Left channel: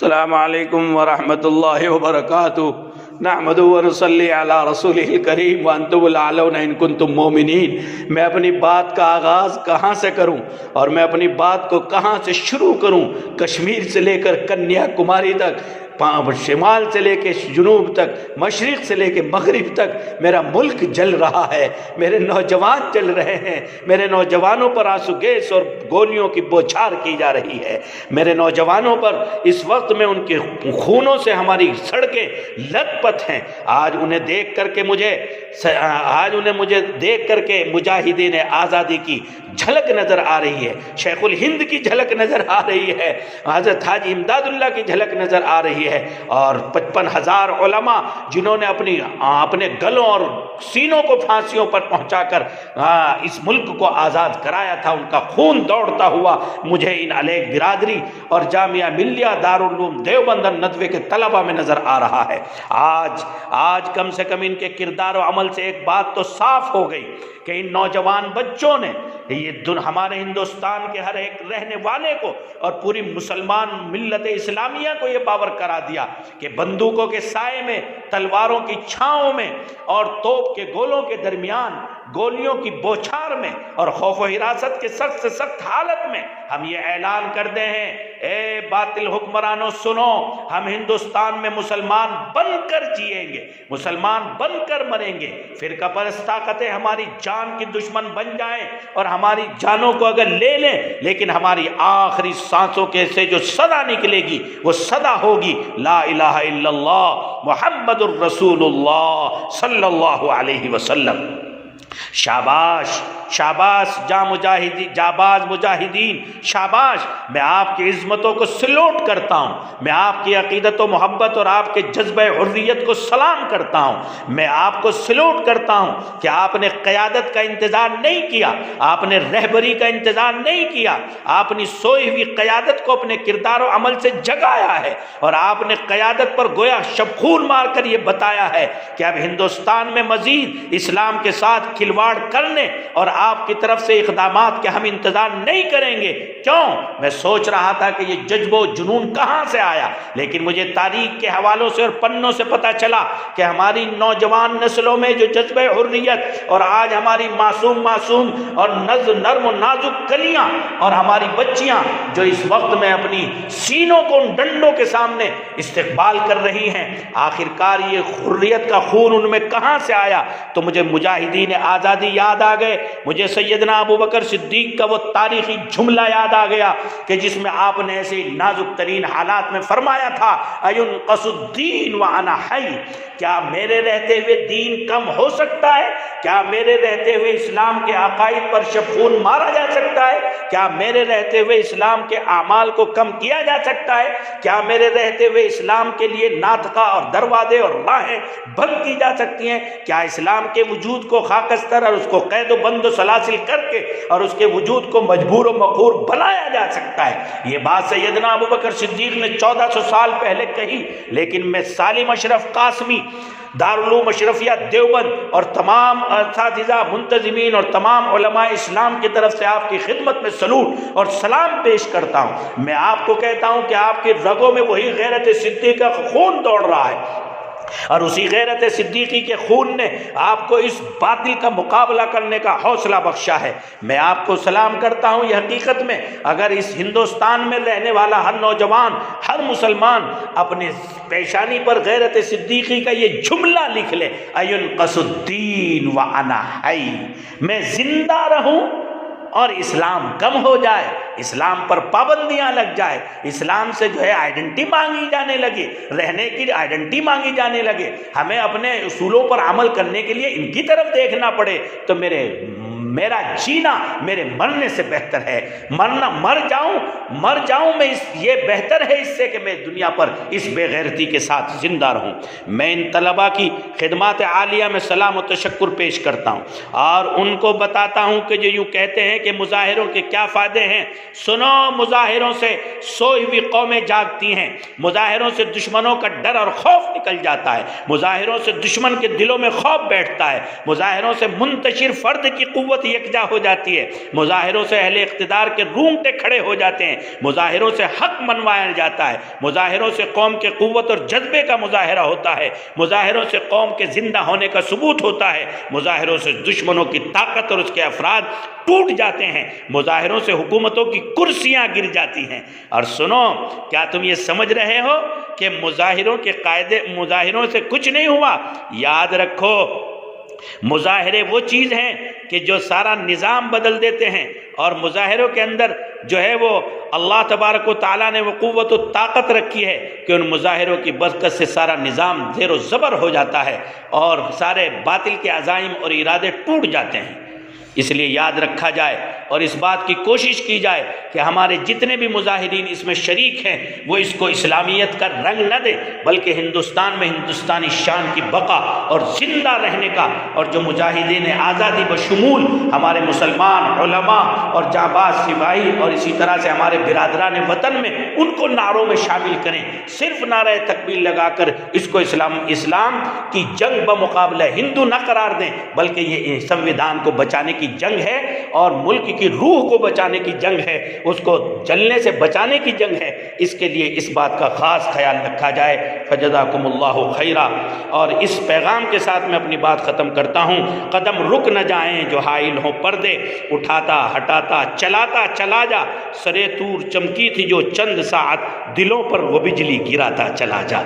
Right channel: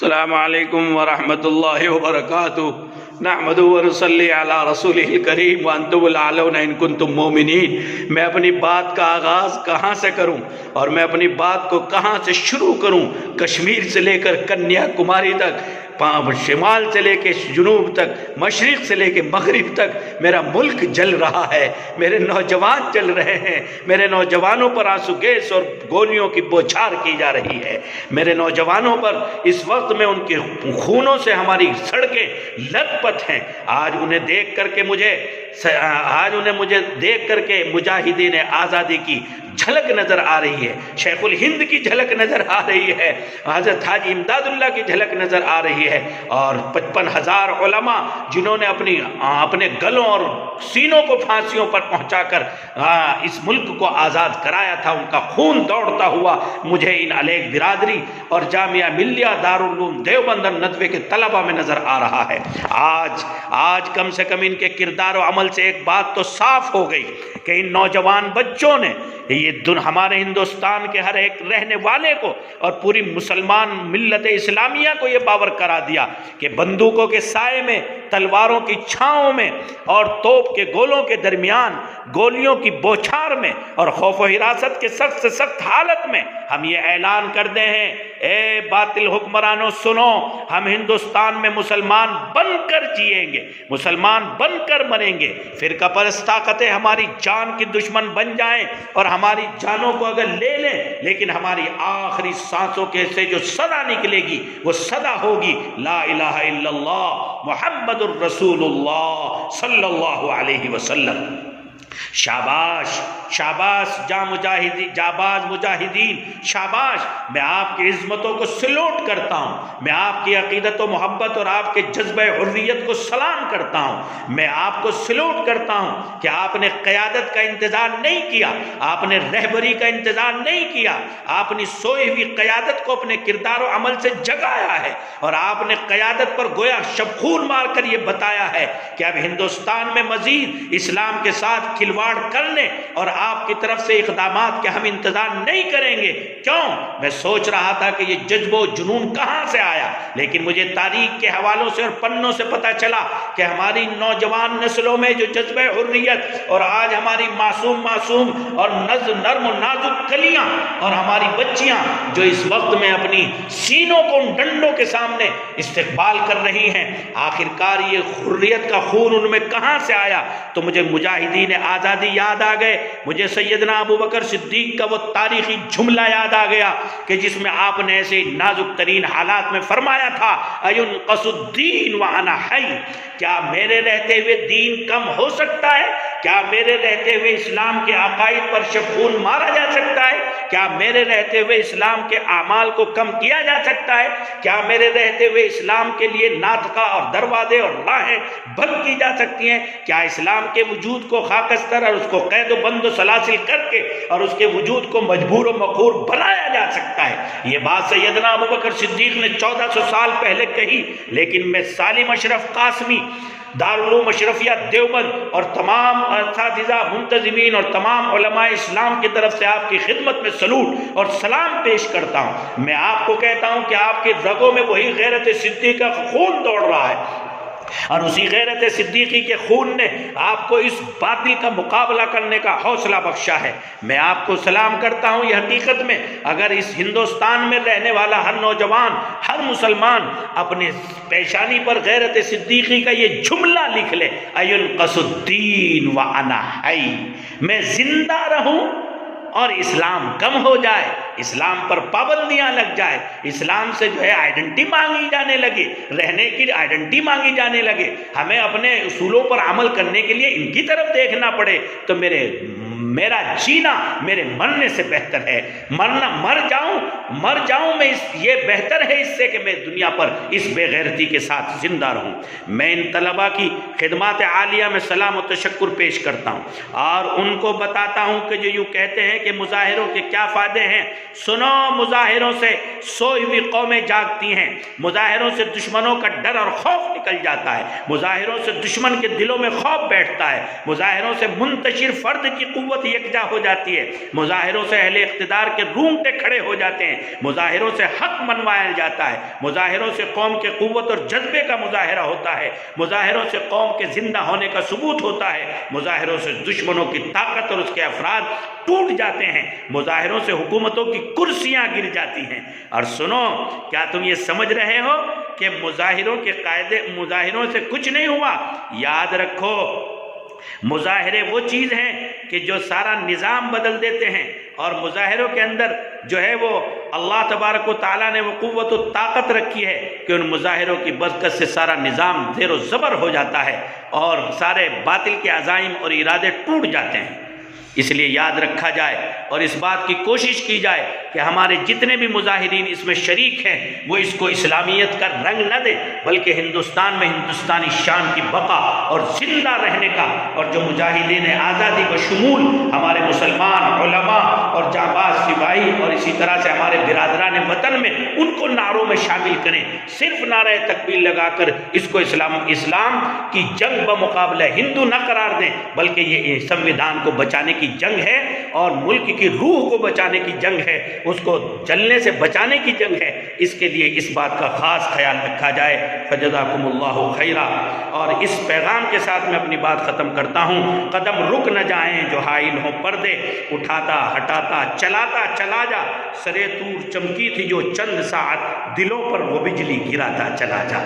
السلام علیکم ورحمۃ اللہ وبرکاتہ نحمد ونصلی علی رسولہ الکریم وانتم الاعلون ان کنتم مومنین۔ میں اپنی بات کا آغاز کہاں سے کروں اور میں اپنی بات کو کہاں سے شروع کروں؟ کشمیر سے لے کر کنیا کماری تک، شمال سے لے کے جنوب تک، مشرق سے لے کے مغرب تک میرا ملک جل رہا ہے، میرے نوجوان جل رہے ہیں، میرے نوجوانوں پر آنسو گیس اور گولیوں کی بوچھار کی جا رہی ہے، میرے نوجوانوں پر اس وقت میں ان کے خونوں سے ہماری سڑکیں لت پت ہیں۔ آج انہیں دیکھ کر کے مجاہدین آزادی کی جھلک نظر آ رہی ہے، شیخ الہند کی جھلک نظر آ رہی ہے، حضرت حاجی امداد اللہ کی جھلک نظر آ رہی ہے، اور 55,000 علماء جنہوں نے اپنے گلوں اور سینوں کو پھانسیوں پر پہنچا کر اس ملک کو آزاد کرایا تھا، ان کا خون دوڑتا ہوا مجھے ان علیگ برادری اور جامعہ ملیہ دارالعلوم دیوبند ندوے کے طلبہ میں نظر آ رہا ہے۔ آج کم سے کم ان کے کردار و عمل سے ایک بات تو صاف ہو گئی کہ ان نوجوان بچوں نے ہمارے ہندوستان کے ہر ایک رہنے والے کو اور پوری مسلمان ملت اسلامیہ کو یہ باور کرا دیا کہ بندوقوں کے سائے میں، تلواروں کی چھاؤں میں اور توپ کے گولوں کے درمیان، گولیوں کی بوچھار میں اور خوف و حراست کے سخت سے سخت حالت میں ہم یہ اعلان کرتے ہیں، اے باطل حکمرانوں سنو، ہم ہندوستان میں مسلمان بن کر جیئیں گے، مسلمان بن کر مریں گے۔ فرقہ پرست طاقتیں ہماری جان کی دشمن بن جائیں اور ہماری جانوں کو اگر لے لیں، لیکن ہماری آخری سانسوں کے سے جو صدا نکلے گی وہ صدا ہوگی لا الہ الا اللہ محمد الرسول اللہ صلی اللہ علیہ وسلم۔ شاباش شاباش جاباز مجاہدین، شاباش! میں آپ کی عظمتوں کو سلوٹ کرتا ہوں، میں آپ کی عقیدت و محبت اور آپ کے جذبہ حریت کو سلام کرتا ہوں، میں آپ کو سلوٹ کرتا ہوں کہ آپ نے قیادت کا انتظار نہیں کیا، آپ نے رہبری کا انتظار نہیں کیا، آپ نے سوئی ہوئی قیادت کو اپنے کردار و عمل سے جگایا ہے، اور آپ نے قیادت پر گویا شبخون مار کر یہ بتایا ہے کہ اب ہندوستان میں مزید اسلام کے ساتھ کھلواڑ کرنے اور آپ کی طرف سے اقدامات کے ہم انتظار نہیں کریں گے۔ کیوں؟ میں سوچ رہا تھا کہ یہ جذب و جنون کہاں سے آیا، لیکن مجھے تاریخ کے حوالوں سے اور پنوں سے پتہ چلا کہ ہماری نوجوان نسلوں میں جو جذبہ حریت اور آج ہماری معصوم اور نرم و نازک کلیاں اور ہماری بچیاں جو اس وقت میں اپنی سینوں کو ان ڈنڈوں کے سامنے استقبال کر رہی ہیں، آخرکار یہ حریت کا خون ان میں کہاں سے آیا؟ تو مجھے مجاہدین آزادی یاد آ گئے، مجھے سیدنا ابو بکر صدیق کا وہ تاریخی جملہ یاد آ گیا کہ جس میں آپ نے ایسے نازک ترین حالات میں فرمایا تھا، اَيُنْقَصُ الدِّينُ وَأَنَا حَيٌّ، کیا میرے رہتے ہوئے دین کم ہو سکتا ہے؟ کیا میرے رہتے ہوئے اسلام کے عقائد پر شبخون مارا جا سکتا ہے؟ کیا میرے رہتے ہوئے اسلام کے اعمال کو کم کیا جا سکتا ہے؟ کیا میرے رہتے ہوئے اسلام کے لیے ناطقہ اور دروازے اور راہیں بند کی جا سکتی ہیں؟ کیا اسلام کے وجود کو خاکستر اور اس کو قید و بند و سلاسل کر کے اور اس کے وجود کو مجبور و مقہور بنایا جا سکتا ہے؟ یہ بات سیدنا ابو بکر صدیق نے 1400 سال پہلے کہی، لیکن میں سالم اشرف قاسمی دارالعلوم اشرفیہ دیوبند اور تمام اساتذہ منتظمین اور تمام علماء اسلام کی طرف سے آپ کی خدمت میں سلوٹ اور سلام پیش کرتا ہوں۔ میں آپ کو کہتا ہوں کہ آپ کی رگوں میں وہی غیرت صدیقی کا خون دوڑ رہا ہے، اور اسی غیرت صدیقی کے خون نے آپ کو اس باطل کا مقابلہ کرنے کا حوصلہ بخشا ہے۔ میں آپ کو سلام کرتا ہوں۔ یہ حقیقت میں اگر اس ہندوستان میں رہنے والا ہر نوجوان، ہر مسلمان اپنے پیشانی پر غیرت صدیقی کا یہ جملہ لکھ لے، اَيُنْقَصُ الدِّينُ وَأَنَا حَيٌّ، میں زندہ رہوں اور اسلام کم ہو جائے، اسلام پر پابندیاں لگ جائے، اسلام سے جو ہے آئیڈنٹی مانگی جانے لگے، رہنے کی آئیڈنٹی مانگی جانے لگے، ہمیں اپنے اصولوں پر عمل کرنے کے لیے ان کی طرف دیکھنا پڑے، تو میرا جینا میرے مرنے سے بہتر ہے، مر جاؤں میں یہ بہتر ہے اس سے کہ میں دنیا پر اس بے غیرتی کے ساتھ زندہ رہوں۔ میں ان طلباء کی خدمات عالیہ میں سلام و تشکر پیش کرتا ہوں اور ان کو بتاتا ہوں کہ جو یوں کہتے ہیں کہ مظاہروں کے کیا فائدے ہیں، سنو، مظاہروں سے سوئی ہوئی قومیں جاگتی ہیں، مظاہروں سے دشمنوں کا ڈر اور خوف نکل جاتا ہے، مظاہروں سے دشمن کے دلوں میں خوف بیٹھتا ہے، مظاہروں سے منتشر فرد کی قوت قوت یکجا ہو جاتی ہے، مظاہروں سے اہل اقتدار کے رونگٹے کھڑے ہو جاتے ہیں، مظاہروں سے حق منوایا جاتا ہے، مظاہروں سے قوم کے قوت اور جذبے کا مظاہرہ ہوتا ہے، مظاہروں سے قوم کے زندہ ہونے کا ثبوت ہوتا ہے، مظاہروں سے دشمنوں کی طاقت اور اس کے افراد ٹوٹ جاتے ہیں، مظاہروں سے حکومتوں کی کرسیاں گر جاتی ہیں۔ اور سنو، کیا تم یہ سمجھ رہے ہو کہ مظاہروں کے قاعدے، مظاہروں سے کچھ نہیں ہوا؟ یاد رکھو، مظاہرے وہ چیز ہیں کہ جو سارا نظام بدل دیتے ہیں، اور مظاہروں کے اندر جو ہے وہ اللہ تبارک و تعالیٰ نے وہ قوت و طاقت رکھی ہے کہ ان مظاہروں کی برکت سے سارا نظام زیر و زبر ہو جاتا ہے اور سارے باطل کے عزائم اور ارادے ٹوٹ جاتے ہیں۔ اس لیے یاد رکھا جائے اور اس بات کی کوشش کی جائے کہ ہمارے جتنے بھی مظاہرین اس میں شریک ہیں وہ اس کو اسلامیت کا رنگ نہ دیں، بلکہ ہندوستان میں ہندوستانی شان کی بقا اور زندہ رہنے کا، اور جو مجاہدین آزادی بشمول ہمارے مسلمان علماء اور جانباز سپاہی اور اسی طرح سے ہمارے برادران وطن میں، ان کو نعروں میں شامل کریں، صرف نعرہ تکبیر لگا کر اس کو اسلام کی جنگ بمقابلہ ہندو نہ قرار دیں، بلکہ یہ سنویدھان کو بچانے کی جنگ ہے اور ملک کی روح کو بچانے کی جنگ ہے، اس کو جلنے سے بچانے کی جنگ ہے۔ اس کے لیے اس بات کا خاص خیال رکھا جائے۔ فجزاکم اللہ خیرا۔ اور اس پیغام کے ساتھ میں اپنی بات ختم کرتا ہوں، قدم رک نہ جائیں جو حائل ہوں پردے، اٹھاتا ہٹاتا چلاتا چلا جا، سرے طور چمکی تھی جو چند ساعت، دلوں پر وہ بجلی گراتا چلا جا۔